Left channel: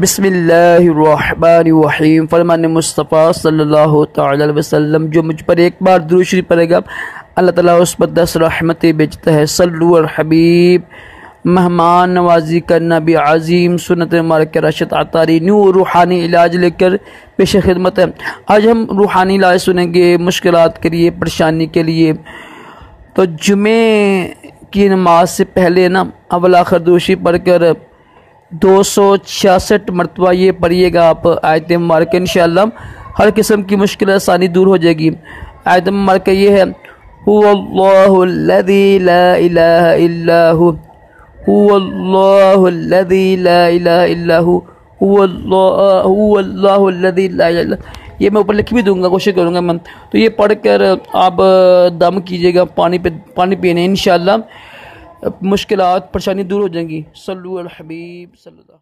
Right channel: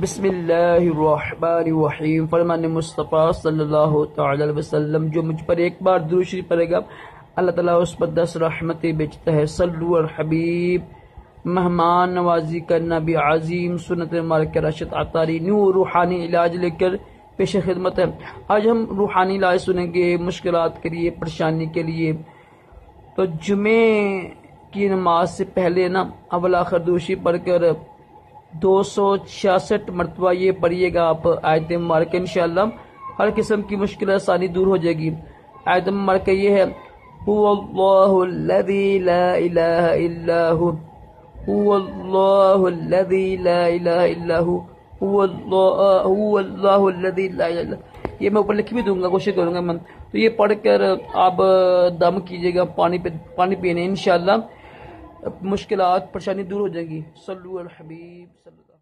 बिस्मिल्लाहिर्रहमानिर्रहीम। फरमान मुस्तफ़ा सल्लल्लाहु तआला अलैहि वसल्लम, जो मुझ पर एक बार दुरूद शरीफ पढ़ेगा अल्लाह ताला उस पर 10 रहमतें भेजता है। सल्लु अल हबीब। मेहमान नवाजी करना भी अजीम सुन्नत मुबारक रशद आतारी न्यू रूहानी इलाज लेकर पेश खिदमत है। आज हम रूहानी इलाज सुनेंगे मुश्किलात के लिए, परेशानी के लिए। तो जुमे की नमाज से पहले ना अव्वल आखिर दूशी पढ़कर 266 मरतबा ये पढ़िएगा आप आयत मुबारक। इंशाअल्लाह हर किस्म की मुश्किल आसानी दूर हो जाएगी। आयत मुबारक ये है, हुवल्लाहुल्लज़ी ला इलाहा इल्ला हु, हुवल्लाहुल्लज़ी ला इलाहा इल्ला हु, हुवल्लाहुल्लज़ी ला इलाहा इल्ला। ये मैं ऊपर लिख भी दूंगा, कोशिश करूँगा मैं। तो ये पढ़कर आप दम कीजिएगा, पानी पीने, इंशाअल्लाह मुश्किलात परेशानी दूर हो जाएंगी। सल्लु अल हबीब सल्लल्लाहु।